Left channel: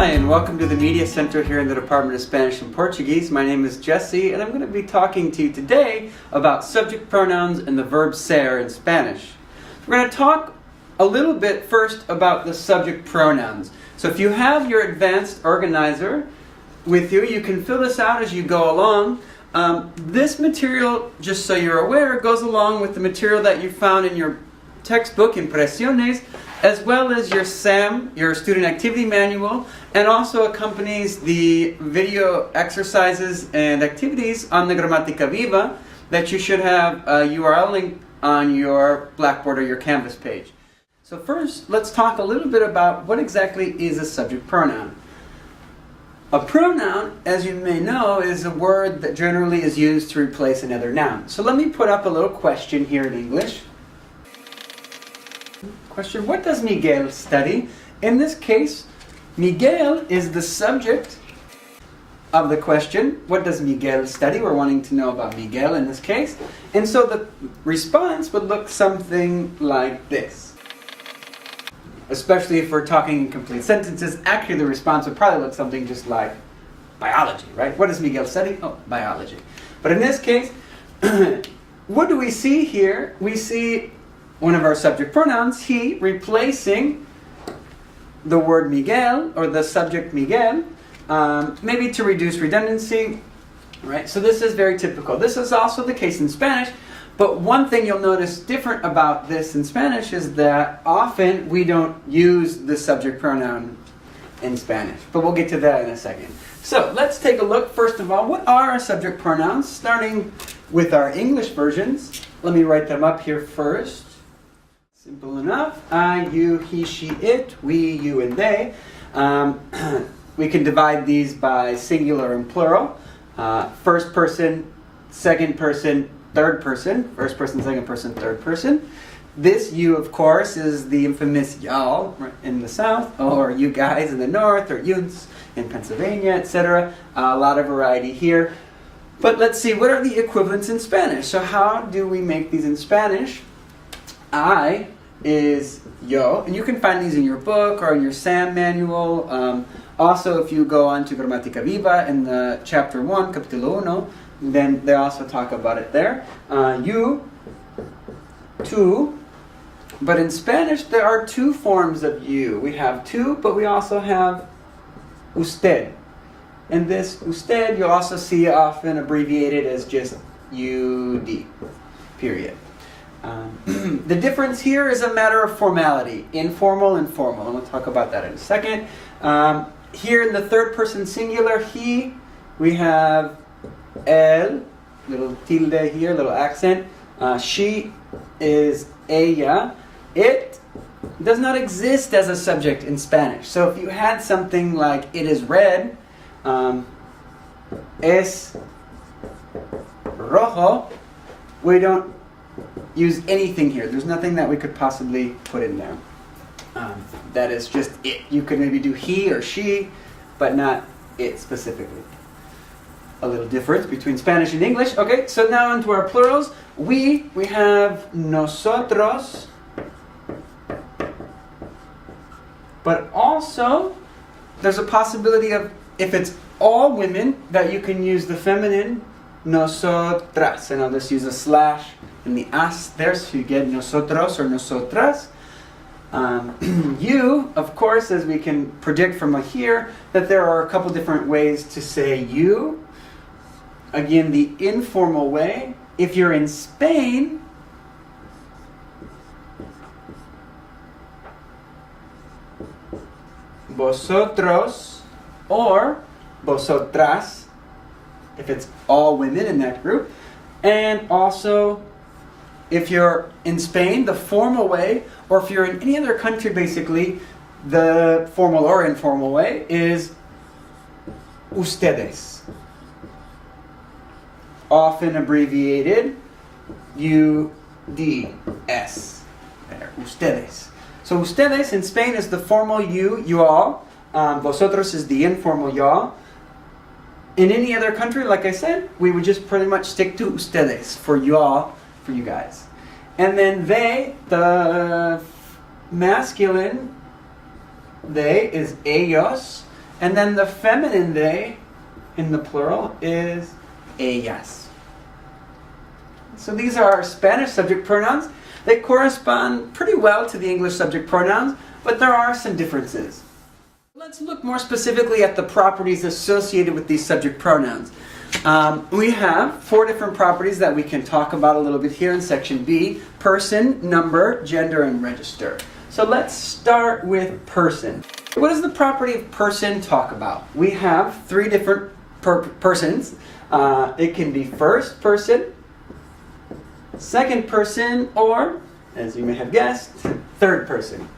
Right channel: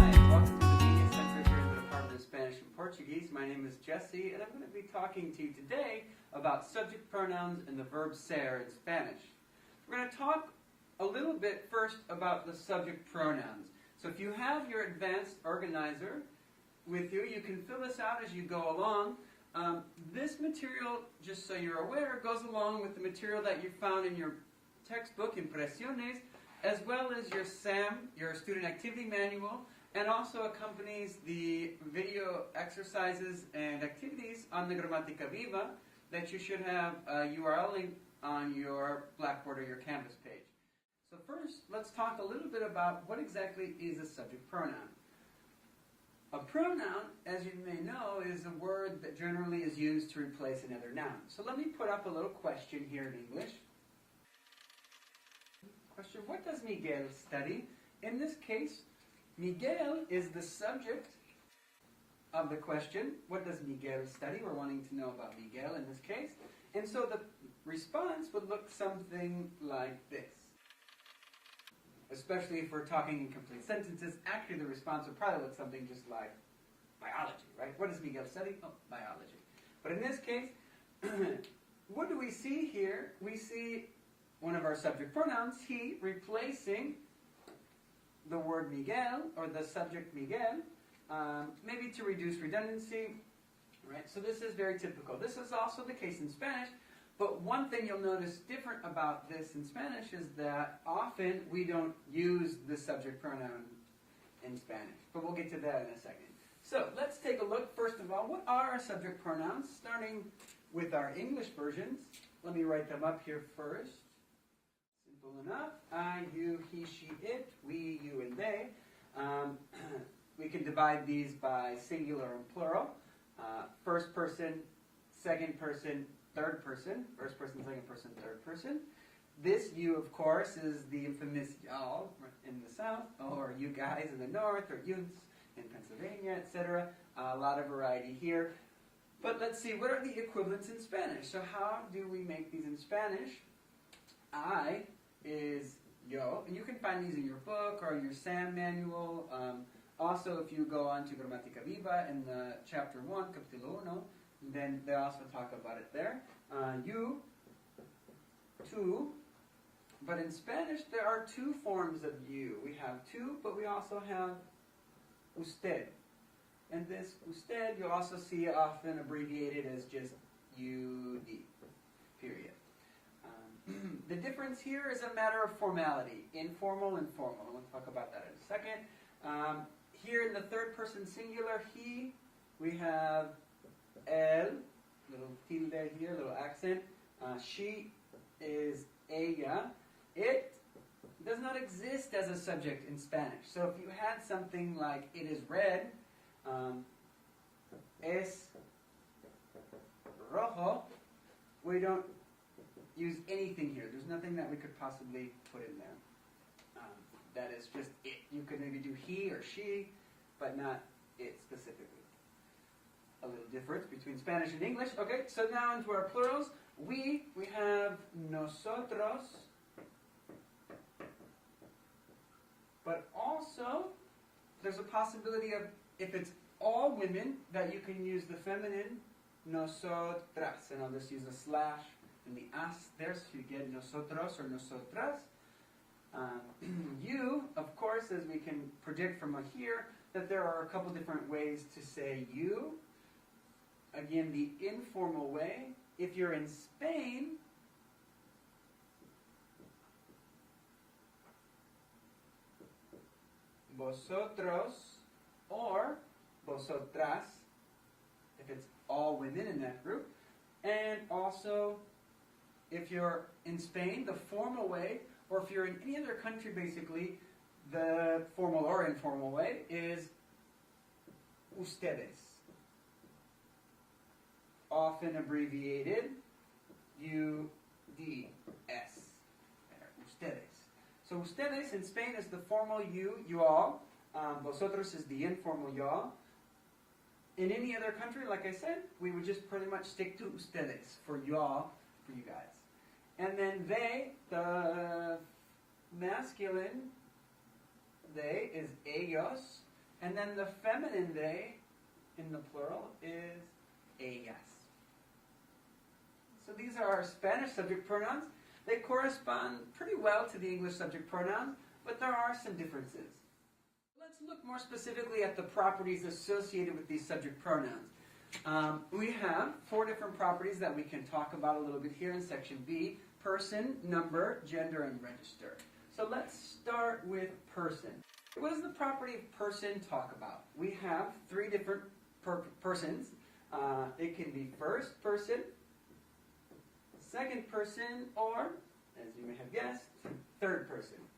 Hi, and welcome to the Media Center here in the Department of Spanish and Portuguese. My name is Jesse, and I'm going to be talking to you today about subject pronouns and the verb ser in Spanish. We're going to talk a little bit first about the subject pronouns. So if you have your advanced organizer with you, you can fill this out as you go along. This material, just so you're aware, goes along with the material that you found in your textbook, Impresiones, as well as your SAM, your student activity manual, and also accompanies the video exercises and activities on the Gramática Viva that you should have a URL link on your Blackboard or your Canvas page. So first, let's talk a little bit about what exactly is a subject pronoun. A pronoun, as you may know, is a word that generally is used to replace another noun. So let me put up a little question here in English. Question, what does Miguel study? In this case, Miguel is the subject of the question. What does Miguel study? We're wanting to know about Miguel in this case. And so the response would look something like this. Especially if we're talking in complete sentences, actually the response would probably look something just like biology, right? What does Miguel study? Oh, biology. But in this case, what do we see here? We see one of our subject pronouns, he, replacing the word Miguel, or the subject Miguel, maybe to reduce redundancy, right? So this is very typical. This is also the case in Spanish, but one thing you'll notice different about this in Spanish is that often we don't use the subject pronoun in Spanish, but we'll get to that in a second. So let's take a look, first of all, what are our subject pronouns, starting with our English versions. Let me write them up here first. Simple enough. I, you, he, she, it, we, you, and they. We can divide these by singular and plural. First person, second person, third person. First person, second person, third person. This you, of course, is the infamous y'all in the south, or you guys in the north, or yous in Pennsylvania, etc. A lot of variety here. But let's see, what are the equivalents in Spanish? So how do we make these in Spanish? I is yo, and you can find these in your book or in your SAM manual. Also, if you go on to Gramática Viva in the chapter 1, capítulo 1, then they also talk about it there. You, tú, but in Spanish there are two forms of you. We have tú, but we also have usted. And this usted you'll also see often abbreviated as just UD, period. The difference here is a matter of formality, informal and formal, and we'll talk about that in a second. Here in the third person singular, he, we have el, little tilde here, little accent. She is ella. It does not exist as a subject in Spanish. So if you had something like it is red, es rojo, we don't use anything here. There's nothing that we could possibly put in there. That is just it. You could maybe do he or she, but not it specifically. A little difference between Spanish and English. Okay, so now into our plurals. We have nosotros, but also there's a possibility of, if it's all women, that you can use the feminine nosotras, and I'll just use a slash in the as there, so you get nosotros or nosotras. You, of course, as we can predict from here, that there are a couple different ways to say you. Again, the informal way. If you're in Spain, vosotros or vosotras, if it's all women in that group. And also, if you're in Spain, the formal way, or if you're in any other country, basically, the formal or informal way is ustedes. Often abbreviated UDS. There, ustedes. So ustedes in Spain is the formal you all. Vosotros is the informal y'all. In any other country, like I said, we would just pretty much stick to ustedes for y'all, for you guys. And then they, the masculine, they is ellos, And then the feminine they, in the plural, is ellas. So these are our Spanish subject pronouns. They correspond pretty well to the English subject pronouns, but there are some differences. Let's look more specifically at the properties associated with these subject pronouns. We have 4 different properties that we can talk about a little bit here in section B: person, number, gender, and register. So let's start with person. What does the property of person talk about? We have 3 different persons. It can be first person, second person, or, as you may have guessed, third person.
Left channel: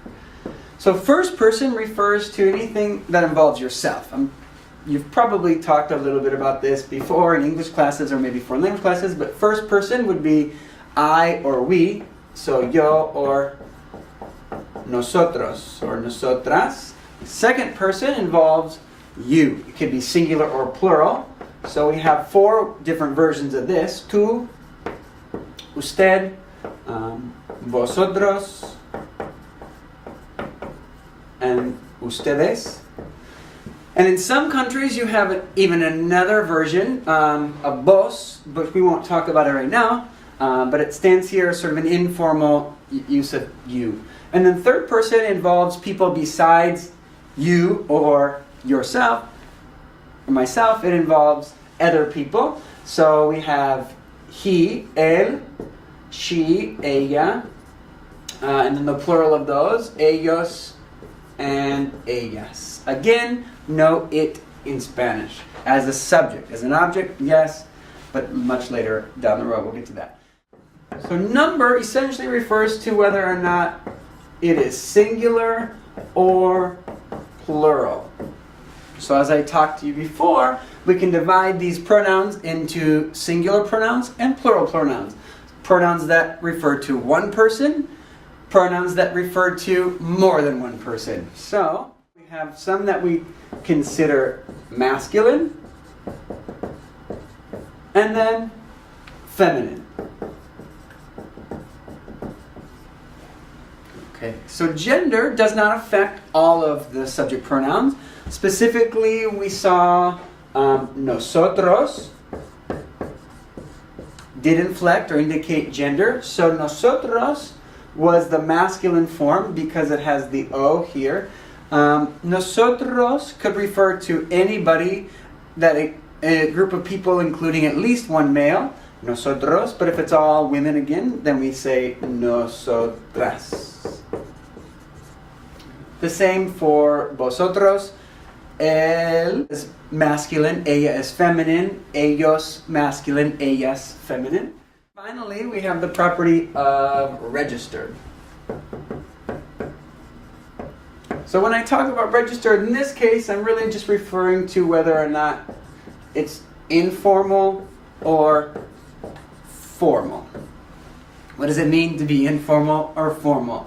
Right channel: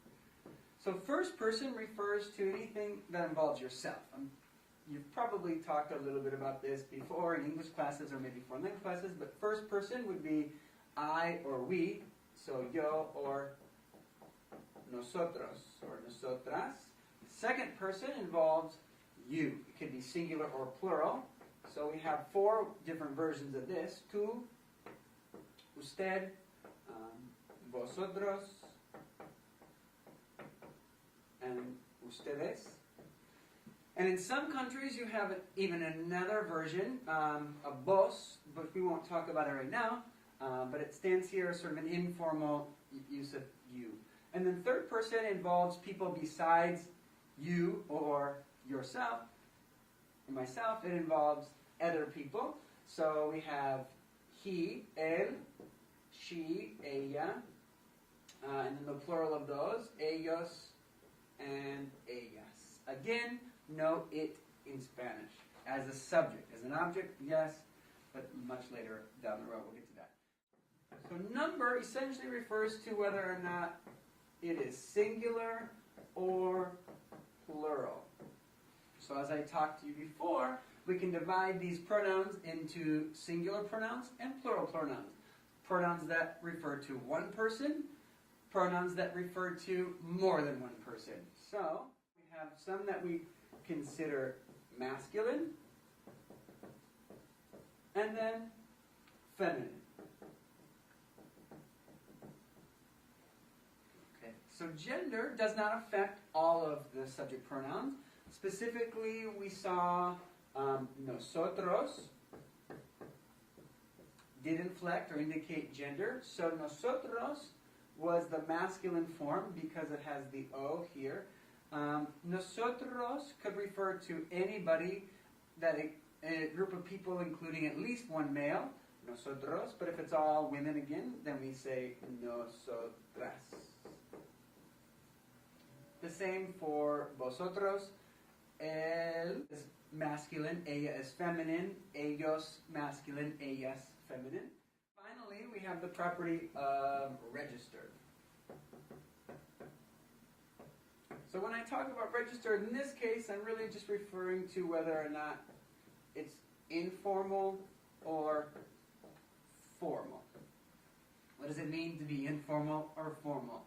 So first person refers to anything that involves yourself. You've probably talked a little bit about this before in English classes or maybe foreign language classes, but first person would be I or we, so yo or nosotros or nosotras. Second person involves you. It can be singular or plural. So we have 4 different versions of this: tú, usted, vosotros, and ustedes. And in some countries you have even another version of vos, but we won't talk about it right now. But it stands here as sort of an informal use of you. And then third person involves people besides you or yourself, or myself. It involves other people. So we have he, él, she, ella, and then the plural of those, ellos and ellas. Again, no it in Spanish. As a subject, as an object, yes, but much later down the road we'll get to that. So number essentially refers to whether or not it is singular or plural. So as I talked to you before, we can divide these pronouns into singular pronouns and plural pronouns. Pronouns that refer to one person, pronouns that refer to more than one person. So we have some that we consider masculine, and then feminine. Okay, so gender does not affect all of the subject pronouns. Specifically, we saw nosotros did inflect or indicate gender. So nosotros was the masculine form because it has the O here. Nosotros could refer to anybody, that a group of people including at least one male, nosotros, but if it's all women again, then we say nosotras. The same for vosotros. Él is masculine, ella is feminine, ellos masculine, ellas feminine. Finally, we have the property of registered. So when I talk about registered, in this case, I'm really just referring to whether or not it's informal or formal. What does it mean to be informal or formal?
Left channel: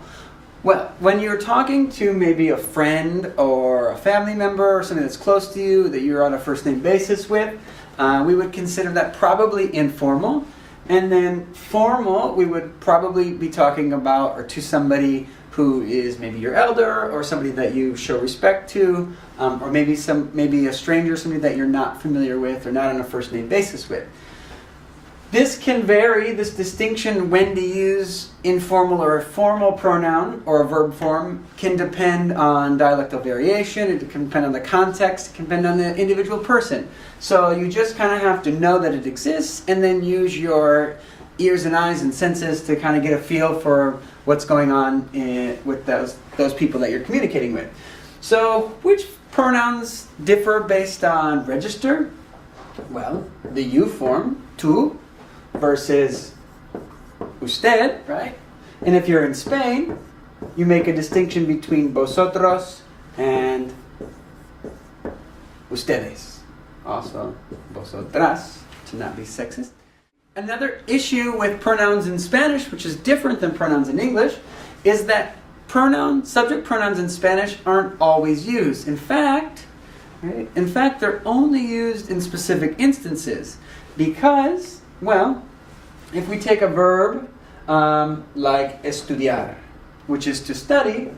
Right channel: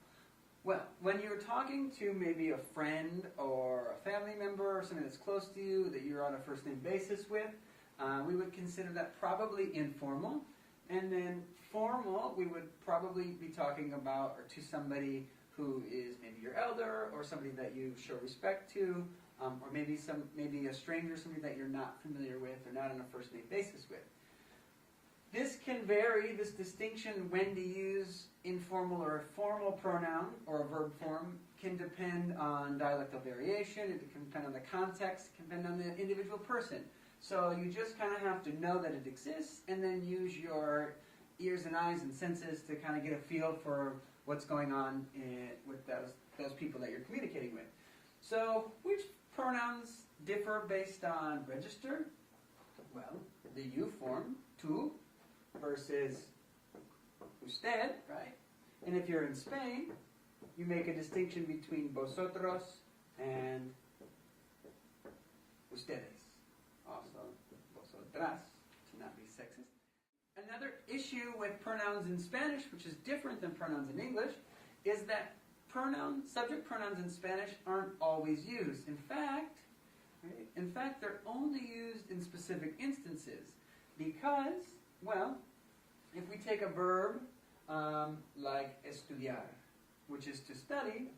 Well, when you're talking to maybe a friend or a family member or somebody that's close to you that you're on a first name basis with, we would consider that probably informal. And then formal, we would probably be talking about or to somebody who is maybe your elder or somebody that you show respect to, or maybe a stranger, somebody that you're not familiar with or not on a first name basis with. This can vary, this distinction when to use informal or a formal pronoun or a verb form can depend on dialectal variation, it can depend on the context, it can depend on the individual person. So you just kind of have to know that it exists and then use your ears and eyes and senses to kind of get a feel for what's going on with those people that you're communicating with. So which pronouns differ based on register? Well, the you form, tú, versus usted, right? And if you're in Spain, you make a distinction between vosotros and ustedes. Also, vosotras, to not be sexist. Another issue with pronouns in Spanish, which is different than pronouns in English, is that subject pronouns in Spanish aren't always used. In fact, they're only used in specific instances because, well, if we take a verb like estudiar, which is to study,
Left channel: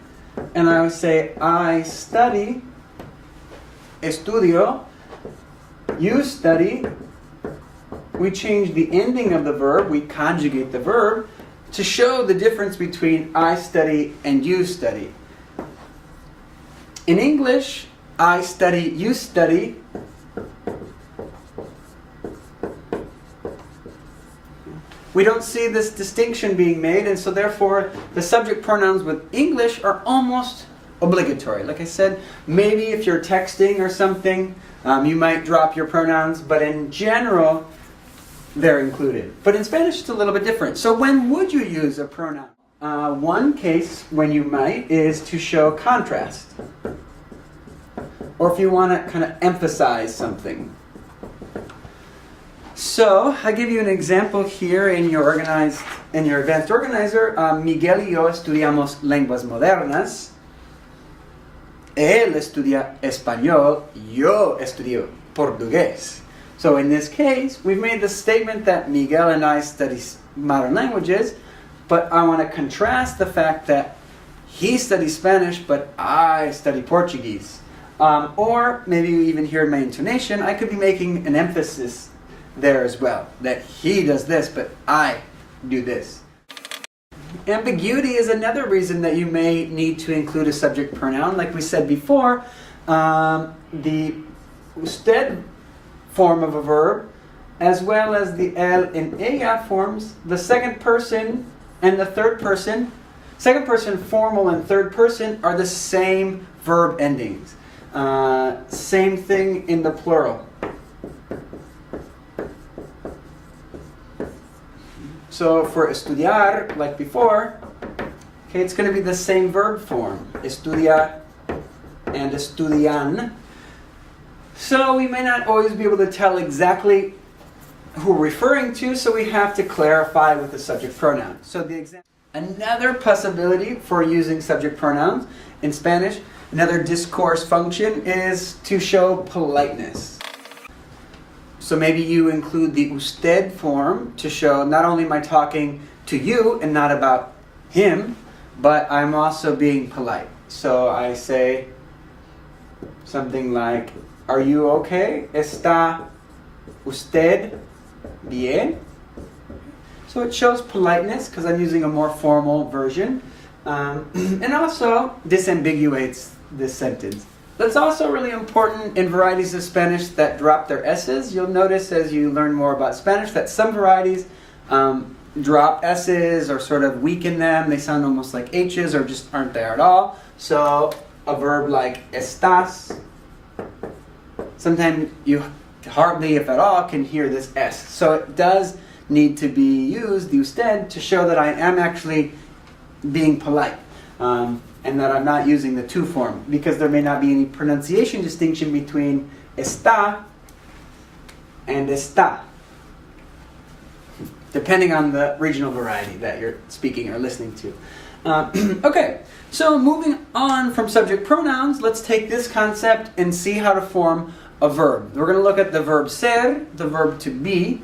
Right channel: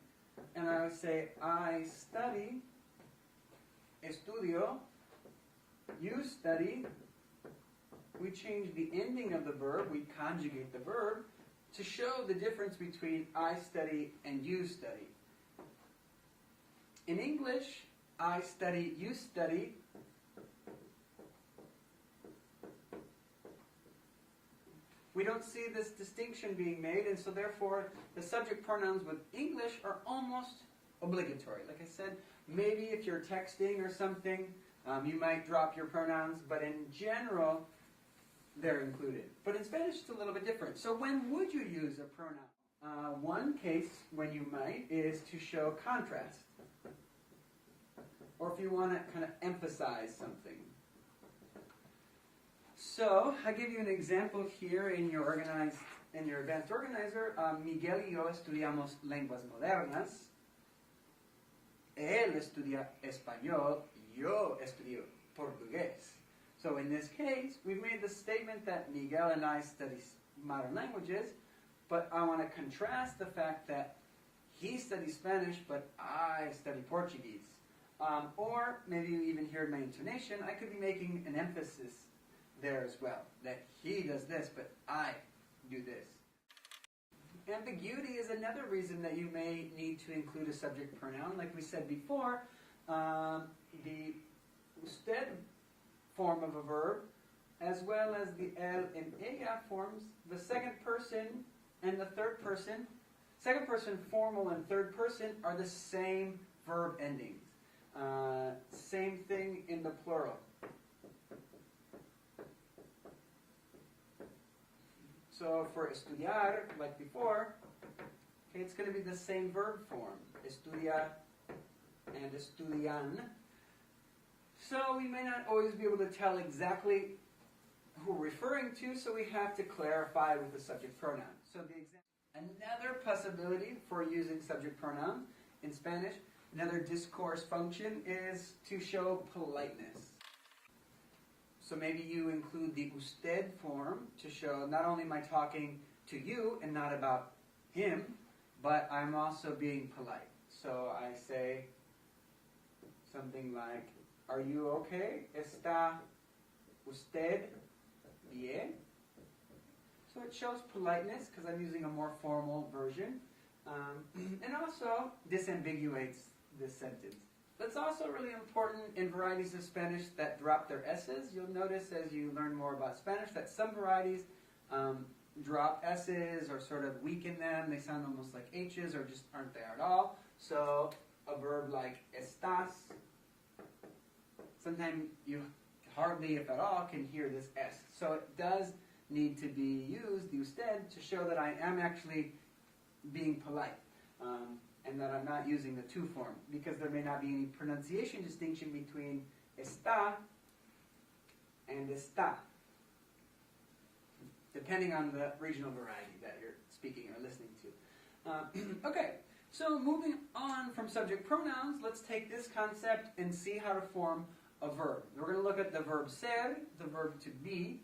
and I would say I study estudio, you study. We change the ending of the verb, we conjugate the verb to show the difference between I study and you study. In English, I study, you study. We don't see this distinction being made, and so therefore the subject pronouns with English are almost obligatory. Like I said, maybe if you're texting or something, you might drop your pronouns, but in general, they're included. But in Spanish, it's a little bit different. So when would you use a pronoun? One case when you might is to show contrast, or if you want to kind of emphasize something. So I give you an example here in your advanced organizer. Miguel y yo estudiamos lenguas modernas. Él estudia español, yo estudio portugués. So in this case, we've made the statement that Miguel and I study modern languages, but I want to contrast the fact that he studies Spanish, but I study Portuguese. Or maybe you even hear in my intonation, I could be making an emphasis there as well, that he does this, but I do this. Ambiguity is another reason that you may need to include a subject pronoun. Like we said before, the usted form of a verb, as well as the él and ella forms, the second person and the third person, second person formal and third person are the same verb endings. Same thing in the plural. So for estudiar, like before, okay, it's going to be the same verb form, estudia and estudian. So we may not always be able to tell exactly who we're referring to, so we have to clarify with the subject pronoun. So the example, another possibility for using subject pronouns in Spanish, another discourse function is to show politeness. So maybe you include the usted form to show not only am I talking to you and not about him, but I'm also being polite. So I say something like, are you okay? ¿Está usted bien? So it shows politeness because I'm using a more formal version. And also disambiguates this sentence. That's also really important in varieties of Spanish that drop their S's. You'll notice as you learn more about Spanish that some varieties drop S's or sort of weaken them. They sound almost like H's or just aren't there at all. So a verb like estás, sometimes you hardly, if at all, can hear this S. So it does need to be used, the usted, to show that I am actually being polite. And that I'm not using the to form, because there may not be any pronunciation distinction between está and está, depending on the regional variety that you're speaking or listening to. Okay, so moving on from subject pronouns, let's take this concept and see how to form a verb. We're going to look at the verb ser, the verb to be.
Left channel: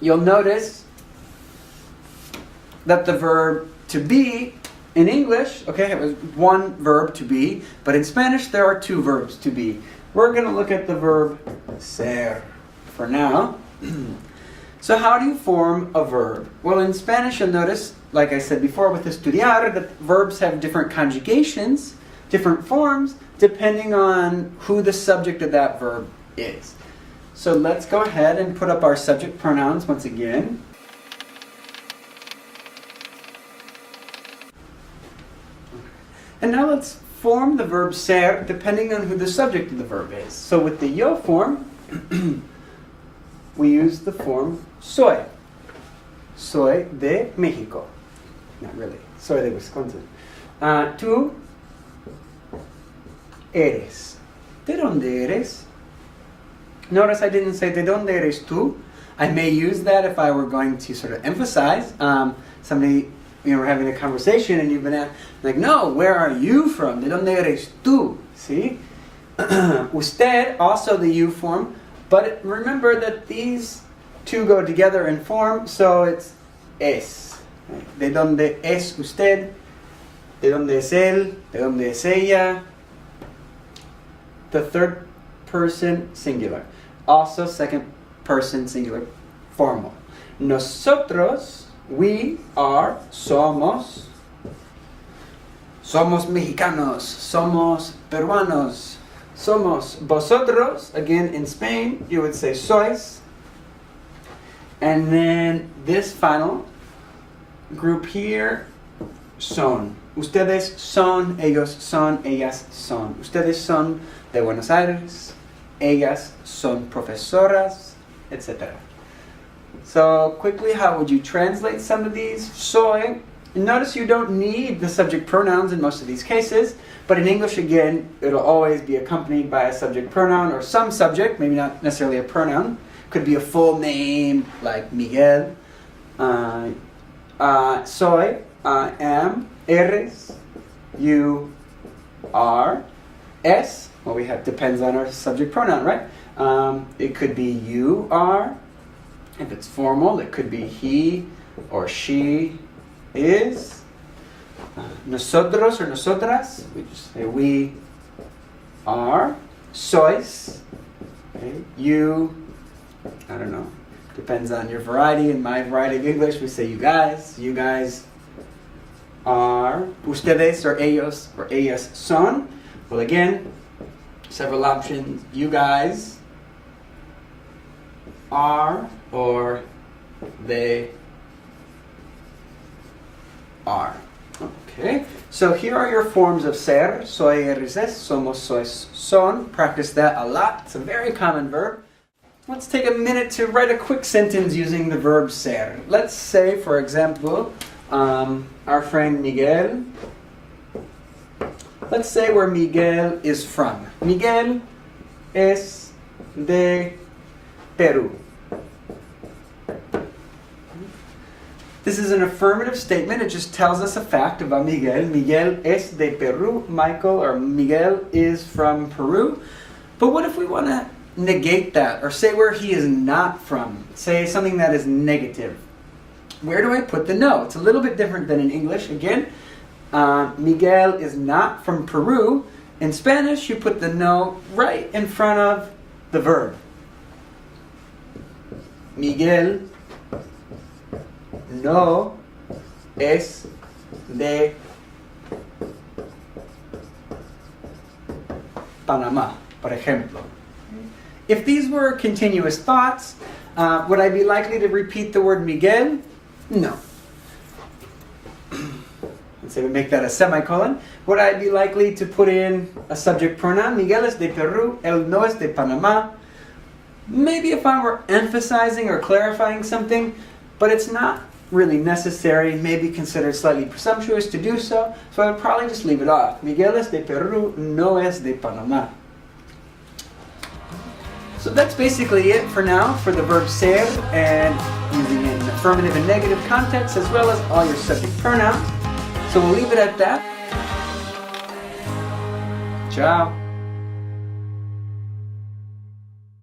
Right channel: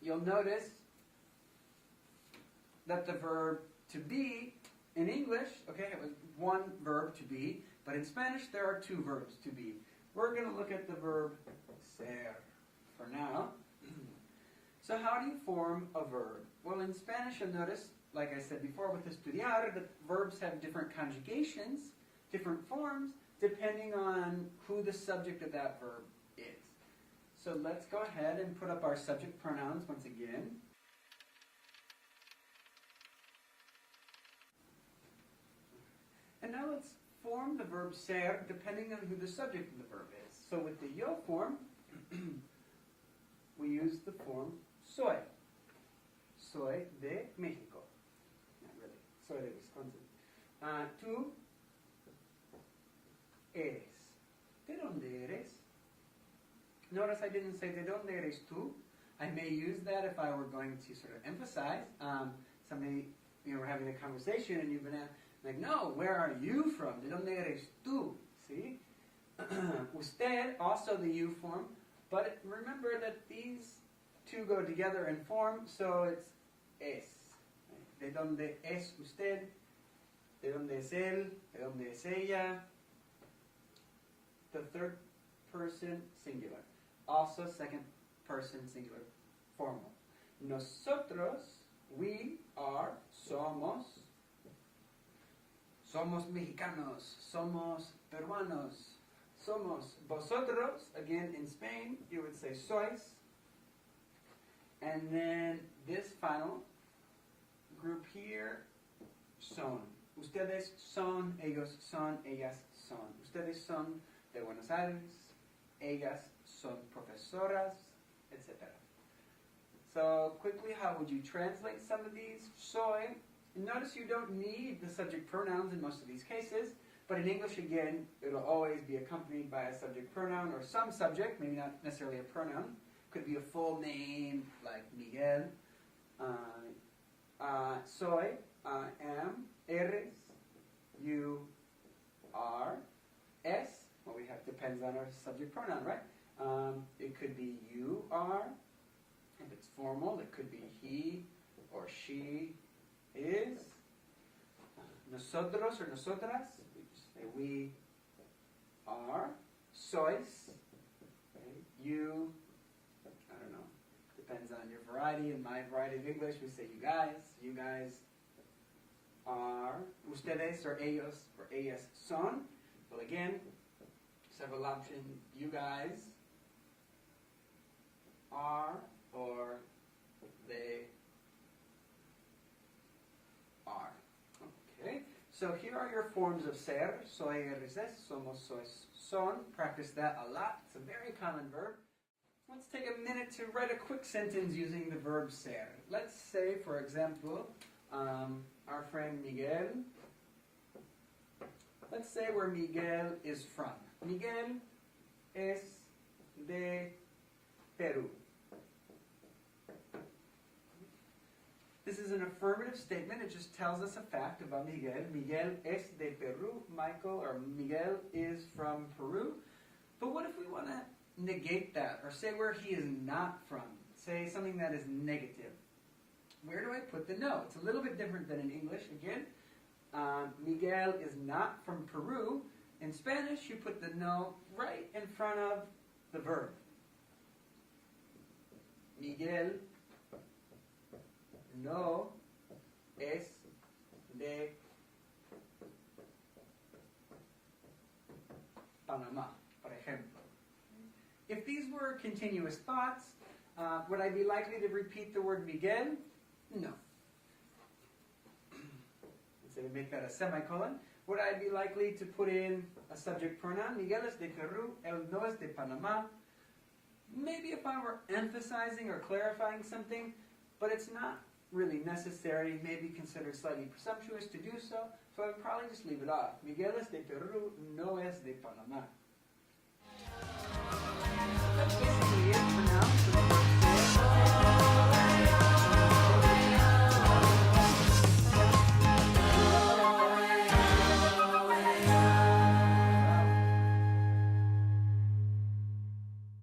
You'll notice that the verb to be in English, okay, it was one verb to be, but in Spanish there are two verbs to be. We're going to look at the verb ser for now. So how do you form a verb? Well, in Spanish you'll notice, like I said before with estudiar, that verbs have different conjugations, different forms, depending on who the subject of that verb is. So let's go ahead and put up our subject pronouns once again. And now let's form the verb ser depending on who the subject of the verb is. So with the yo form, we use the form soy. Soy de México. Not really. Soy de Wisconsin. Tú eres. ¿De dónde eres? Notice I didn't say de dónde eres tú. I may use that if I were going to sort of emphasize. Somebody, we're having a conversation and you've been asked, like, no, where are you from? ¿De dónde eres tú? See? Usted, also the you form, but remember that these two go together in form, so it's es. ¿De dónde es usted? ¿De dónde es él? ¿De dónde es ella? The third person singular. Also second person singular formal. Nosotros, we are, somos. Somos mexicanos, somos peruanos, somos vosotros. Again, in Spain, you would say sois. And then this final group here, son. Ustedes son, ellos son, ellas son. Ustedes son de Buenos Aires, ellas son profesoras, etc. So quickly, how would you translate some of these? Soy. Notice you don't need the subject pronouns in most of these cases, but in English, again, it'll always be accompanied by a subject pronoun or some subject, maybe not necessarily a pronoun. Could be a full name like Miguel. Soy, I am, eres, you are, es. Well, we have depends on our subject pronoun, right? It could be you are. If it's formal, it could be he or she is. Nosotros or nosotras, we just say we are. Sois, okay. You, I don't know, depends on your variety. In my variety of English, we say you guys are. Ustedes or ellos or ellas son. Well, again, several options. You guys are or they are. Okay, so here are your forms of ser. Soy, eres, es, somos, sois, son. Practice that a lot. It's a very common verb. Let's take a minute to write a quick sentence using the verb ser. Let's say, for example, our friend Miguel. Let's say where Miguel is from. Miguel es de Perú. This is an affirmative statement. It just tells us a fact about Miguel. Miguel es de Perú. Michael or Miguel is from Peru. But what if we want to negate that or say where he is not from? Say something that is negative. Where do I put the no? It's a little bit different than in English. Again, Miguel is not from Peru. In Spanish, you put the no right in front of the verb. Miguel no es de Panamá, por ejemplo. If these were continuous thoughts, would I be likely to repeat the word Miguel? No. Let's say we make that a semicolon. Would I be likely to put in a subject pronoun? Miguel es de Perú, él no es de Panamá. Maybe if I were emphasizing or clarifying something, but it's not really necessary, maybe considered slightly presumptuous to do so, so I would probably just leave it off. Miguel es de Perú, no es de Panamá. So that's basically it for now for the verb ser and using it in affirmative and negative contexts as well as all your subject pronouns. So we'll leave it at that. Ciao.